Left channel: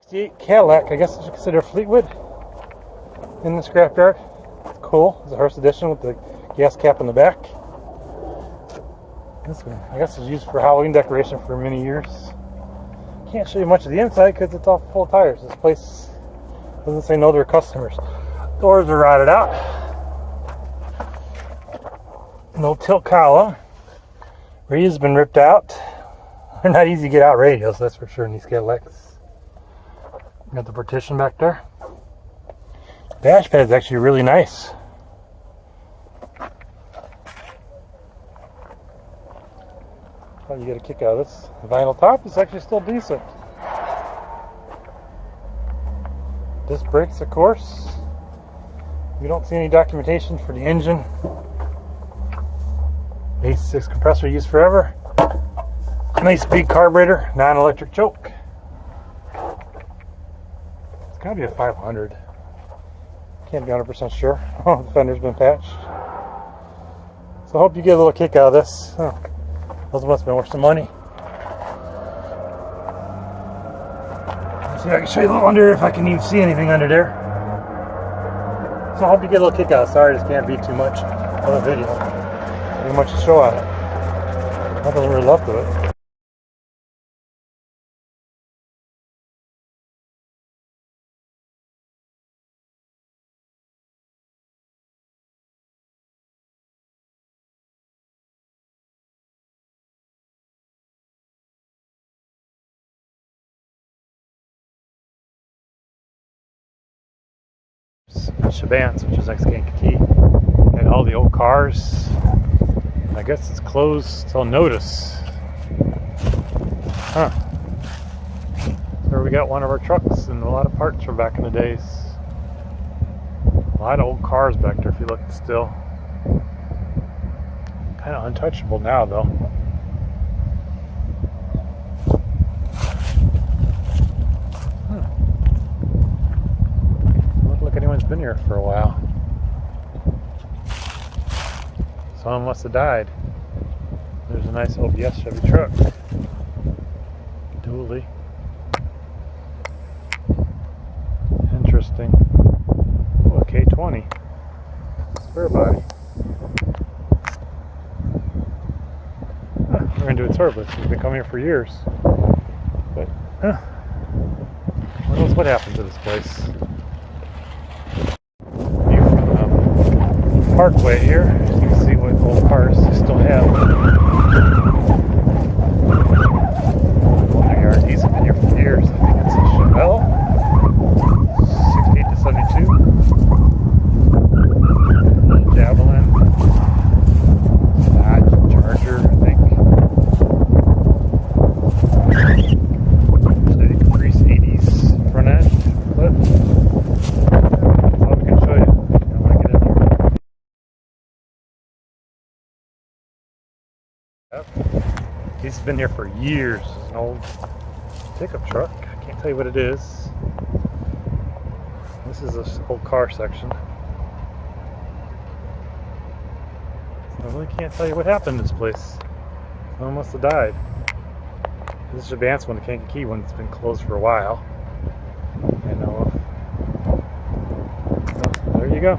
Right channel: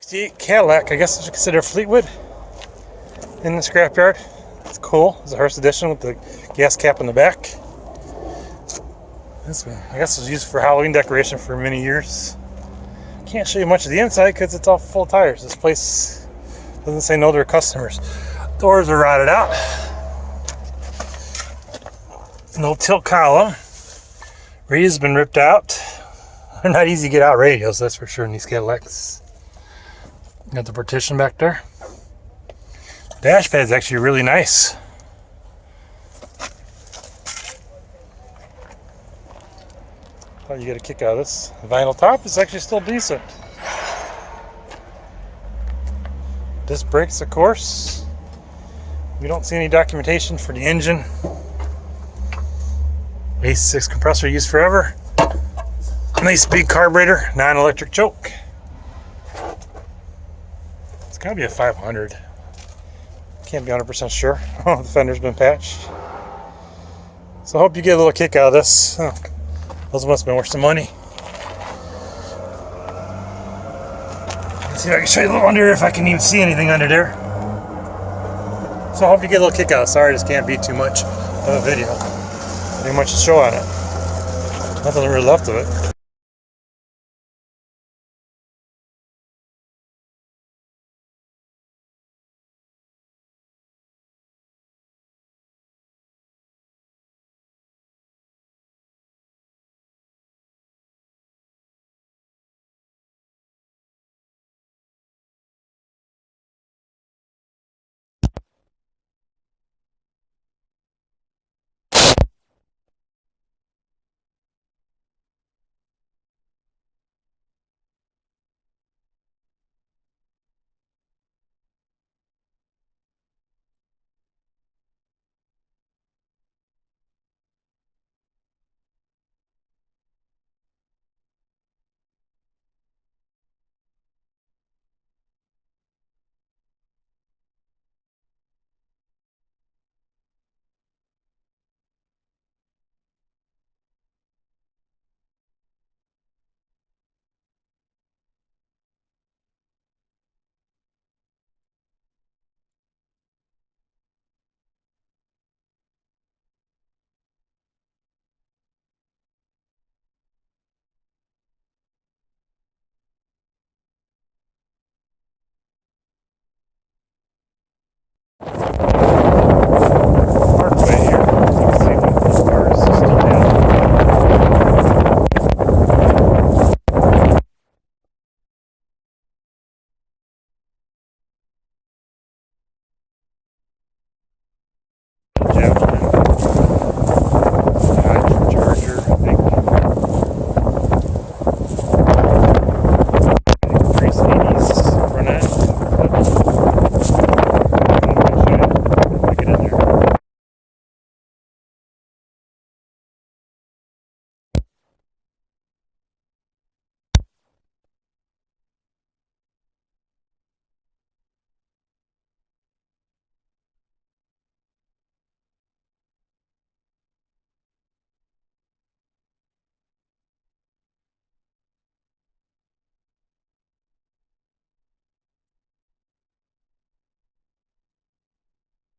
68 Cadillac, I guess it's considered Fleetwood in the scrapyard. It's cool. It's a hearse edition with the gas cap in the back. This one, I guess, was used for Halloween decoration for many years. Can't show you much of the inside because it's all full of tires. This place doesn't say no to their customers. Doors are rotted out. No tilt column. Radio's been ripped out. They're not easy to get out radios, that's for sure, in these Cadillacs. Got the partition back there. Dash pad's actually really nice. Thought you get a kick out of this. The vinyl top is actually still decent. Disc brakes, of course. We don't see any documentation for the engine. A6 compressor used forever. Nice big carburetor, non-electric choke. It's gotta be a 500. Can't be 100% sure. Oh, the fender's been patched. So I hope you get a little kick out of this. Oh, those must have been worth some money. Let's see if I can show you a little under, if I can even see anything under there. So I hope you get a little kick out. Sorry, this can't be too much of a video. Not much to show on it. Nothing really left of it. Shabans, which is ex-Kankakee, and all the old cars. I guess it's closed till notice. Huh. So we got one of our trucks and a lot of parts from back in the days. A lot of old cars back there if you look still. Kind of untouchable now though. Anyone's been here for a while. Someone must have died. There's a nice old Chevy truck. Dually. Interesting. Oh, a K20. Spare body. Huh, we're gonna do a tour of this. We've been coming here for years. But who knows what happened to this place. Parkway here, so you can see what those cars still have. These have been here for years. I think it's a Chevelle 68 to 72. Javelin. Dodge Charger, I think. The Grease 80s front end. He's been here for years. It's an old pickup truck. I can't tell you what it is. This is an old car section. I really can't tell you what happened to this place. Someone must have died. This is the advanced one, the Kankakee one. It's been closed for a while. I know of. So, there you go.